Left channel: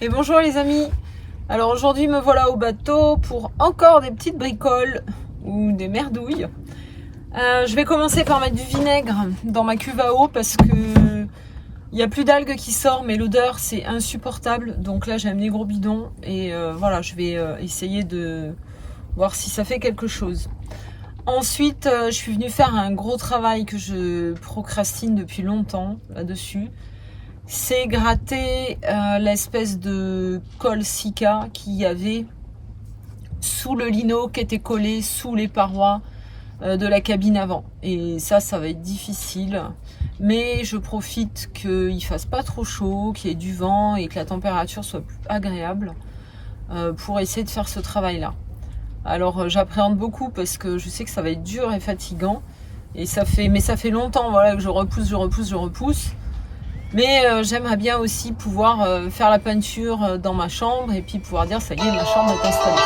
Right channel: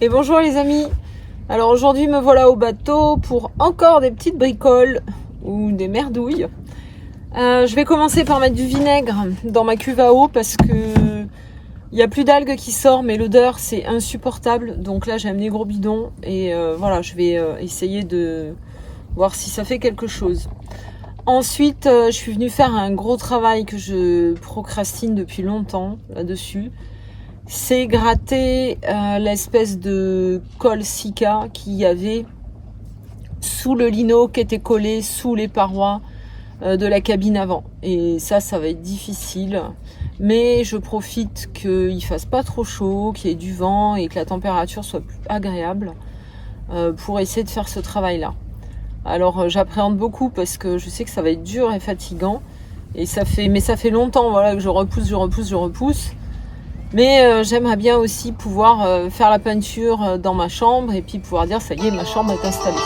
Et bonjour les amis. Alors aujourd'hui me voilà au bateau pour encore des petites bricoles ou des merdouilles. Je vais commencer par mettre du vinaigre dans ma cuve à eau parce que il n'y a plus d'algues qui sortent, mais l'odeur c'est insupportable. Donc là j'ai amené gros bidon et voilà, je vais essayer de voir si ça fait quelque chose. Ensuite je suis venue faire un gros travail que je procrastine depuis longtemps là-dessus. C'est gratter l'espèce de colle Sika qu'il y avait sous le lino qui était collé sous les parois de la cabine avant. Et ça va être difficile. Mais je profite qu'il fasse pas trop chaud, qu'il y ait du vent et que la température soit plus agréable pour essayer de faire ce travail-là. Alors j'appréhende beaucoup parce que je sais que ça va être dur et fatigant. Et ça fait longtemps voilà, que je repousse. Mais j'aimerais bien aussi pouvoir faire la peinture dans ma chambre et puis pouvoir dire ça y est, ma chambre est installée.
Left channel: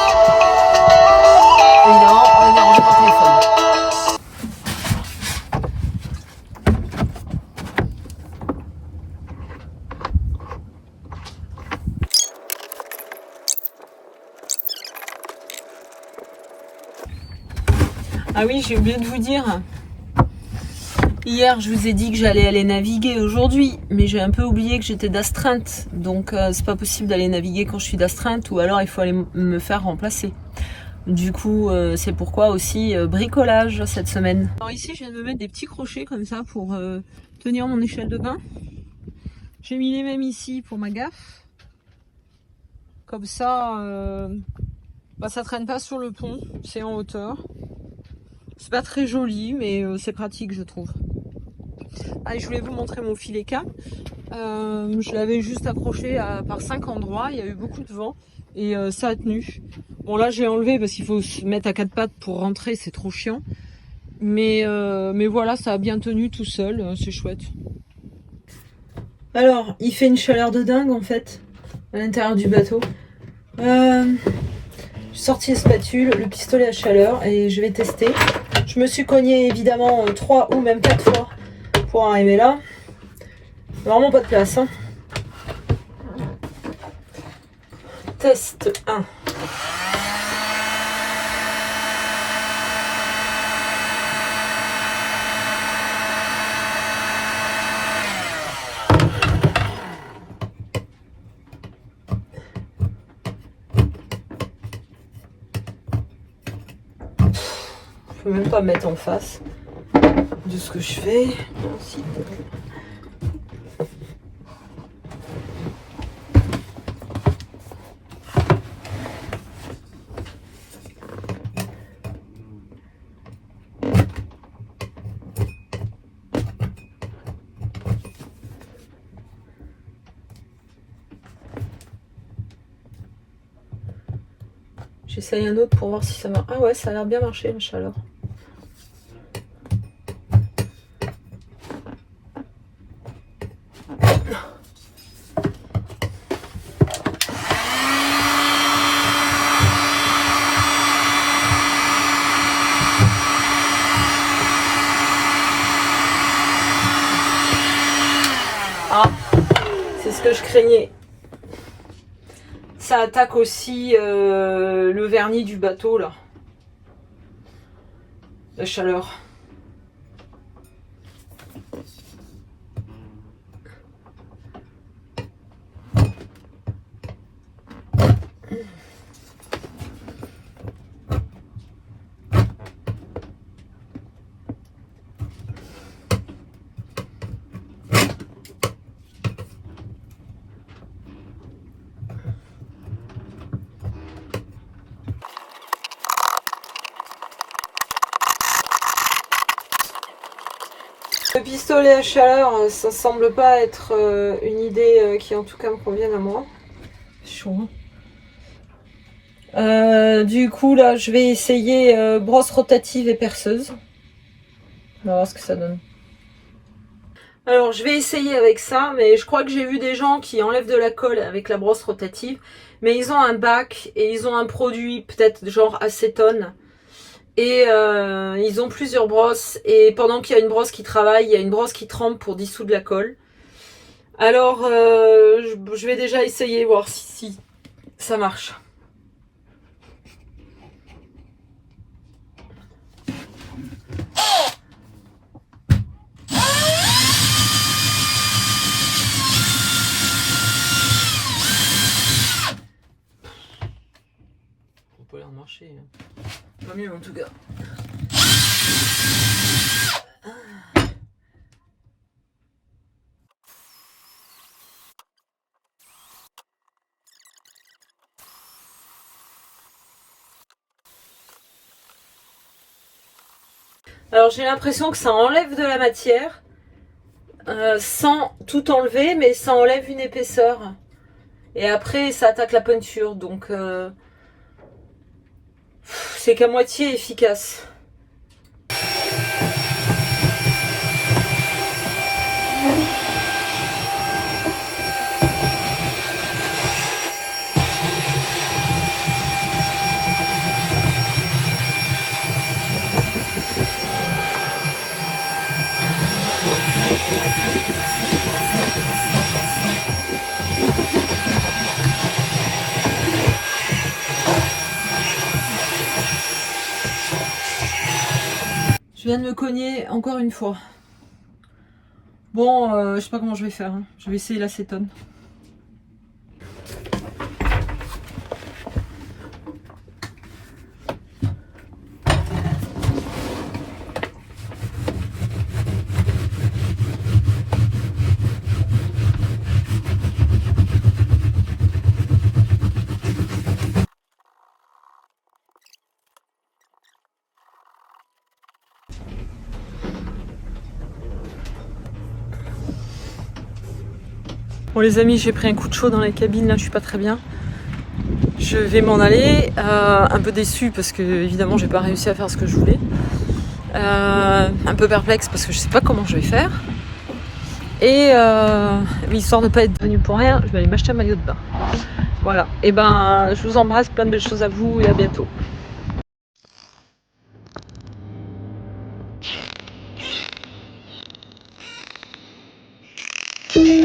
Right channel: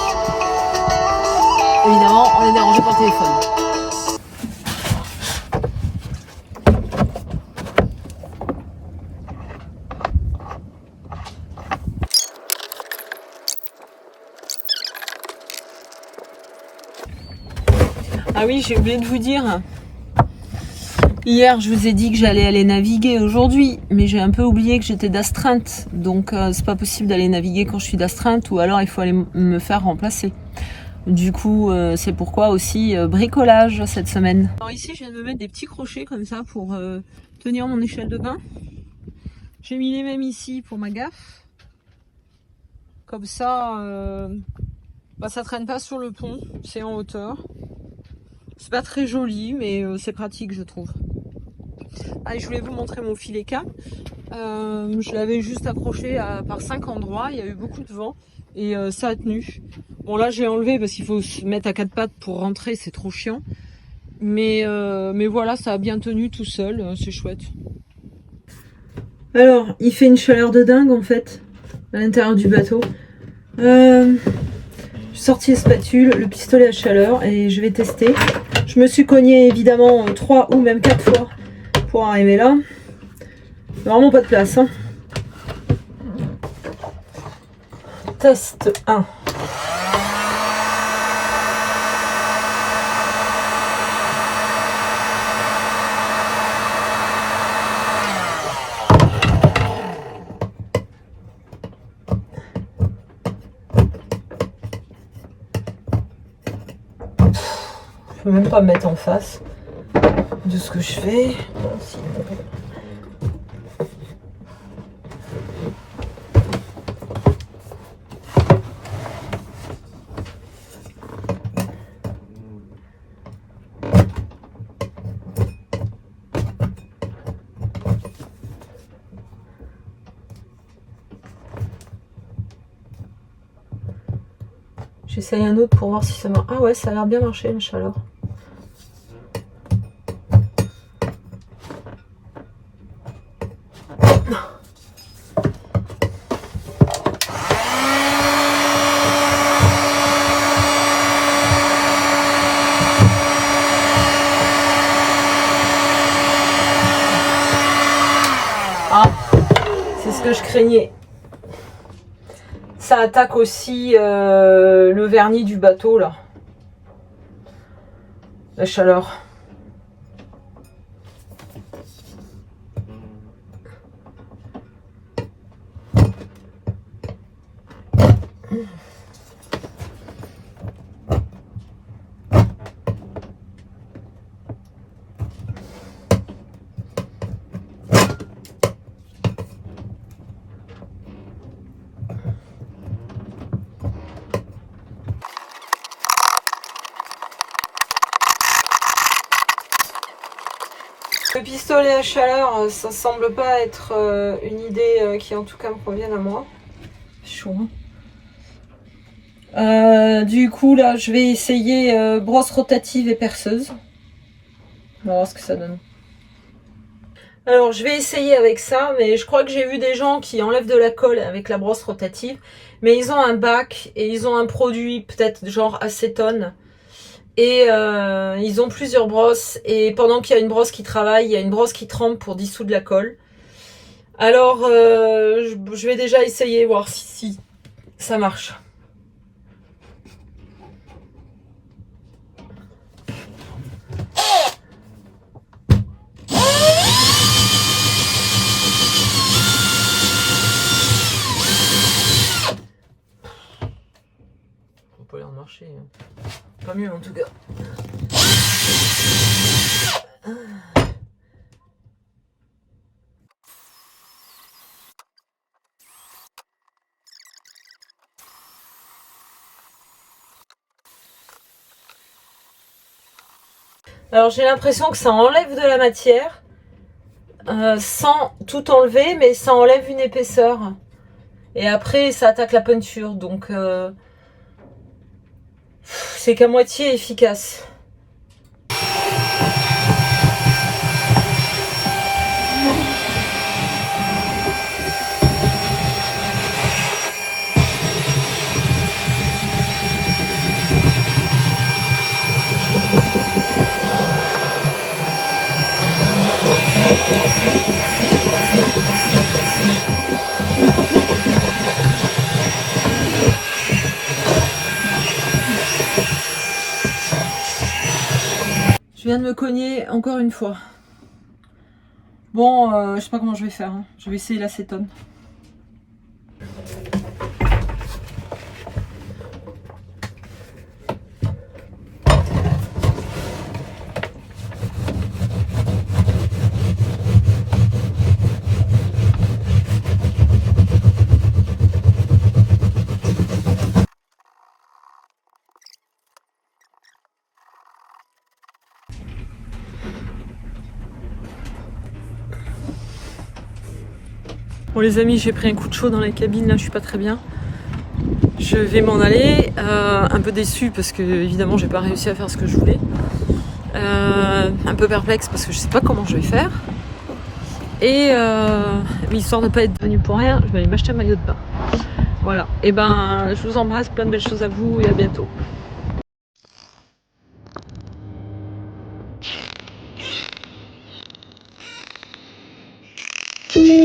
Évidemment, on est dérangé par téléphone. Ah oui, j'ai oublié de vous dire. Hier, je vous ai dit que j'allais aller naviguer aujourd'hui, mais j'ai un peu oublié que j'étais d'astreinte. Donc, c'est pas possible d'aller naviguer quand je suis d'astreinte, ou alors il faut aller me faire remplacer. Du coup, c'est pourquoi aussi bricolage cette semaine. Alors ici, je viens de me mettre des petits crochets comme ça pour tenir mon échelle de bain. J'ai mis les mêmes ici pour ma gaffe. Comme ça, ça traîne pas sur le pont, c'est en hauteur. C'est pas très joli, mais c'est pratique, je trouve. Allez, je voulais vous montrer mon filet K. Je l'avais juste accroché par 5 endroits. Il y a eu beaucoup de vent et ça a tenu. Bon, là, j'ai enlevé parce qu'il faut se mettre à 4 pattes pour rentrer. C'est trop chiant. Mais voilà, ça a bien tenu tout seul. C'est chouette. Alors, il fait une chaleur de dingue en fait à l'intérieur du bateau. J'ai sorti les spatules, le pistolet à chaleur et je vais tester. Je me suis cogné évidemment 3 ou même 4 fois pour arriver là. Vraiment pas de place. Hein. Test 1. Je peux même pas me mettre en face de ce que je fais. J'essaye un autre pour voir si ça marche. Ah ouais, ça a l'air bien marché la chaleur. Ah, c'est ce que je craignais. Ça attaque aussi le vernis du bateau là. La chaleur. Le pistolet à chaleur, ça semble pas être une idée qui en tout cas me convienne à moi. Chaud. Du coup là je vais essayer brosse rotative et perceuse. On va voir ce que ça donne. Alors je vais essayer avec ça, mais je crois que j'ai vu des gens qui enlèvent de la colle avec la brosse rotative, mais ils ont un bac et ils ont un produit peut-être genre acétone. Et ils ont plusieurs brosses et pendant qu'il y a une brosse qui travaille, il y a une brosse qui trempe pour dissoudre la colle. Alors, je vais déjà essayer, voir si ça marche. Ça n'a pas l'air de marcher. Pas mieux en tout cas. Alors j'ai l'impression que ça enlève de la matière, sans tout enlever, mais ça enlève une épaisseur. Et après ça attaque la peinture, donc c'est qu'à moitié efficace. Je viens de me cogner encore une fois. Bon, je sais pas comment je vais faire. Je vais essayer l'acétone. Bon les amis, j'ai pris un coup de chaud dans la cabine, là je suis pas très bien. Je vais m'en aller, un peu déçue parce que évidemment j'ai pas réussi à faire ce que je voulais. Un peu perplexe parce que je sais pas comment je vais faire. Et histoire de ne pas être venue pour rien, je vais aller m'acheter un maillot de bain. Voilà, et ben je vous embrasse, plein de belles choses à vous et à bientôt.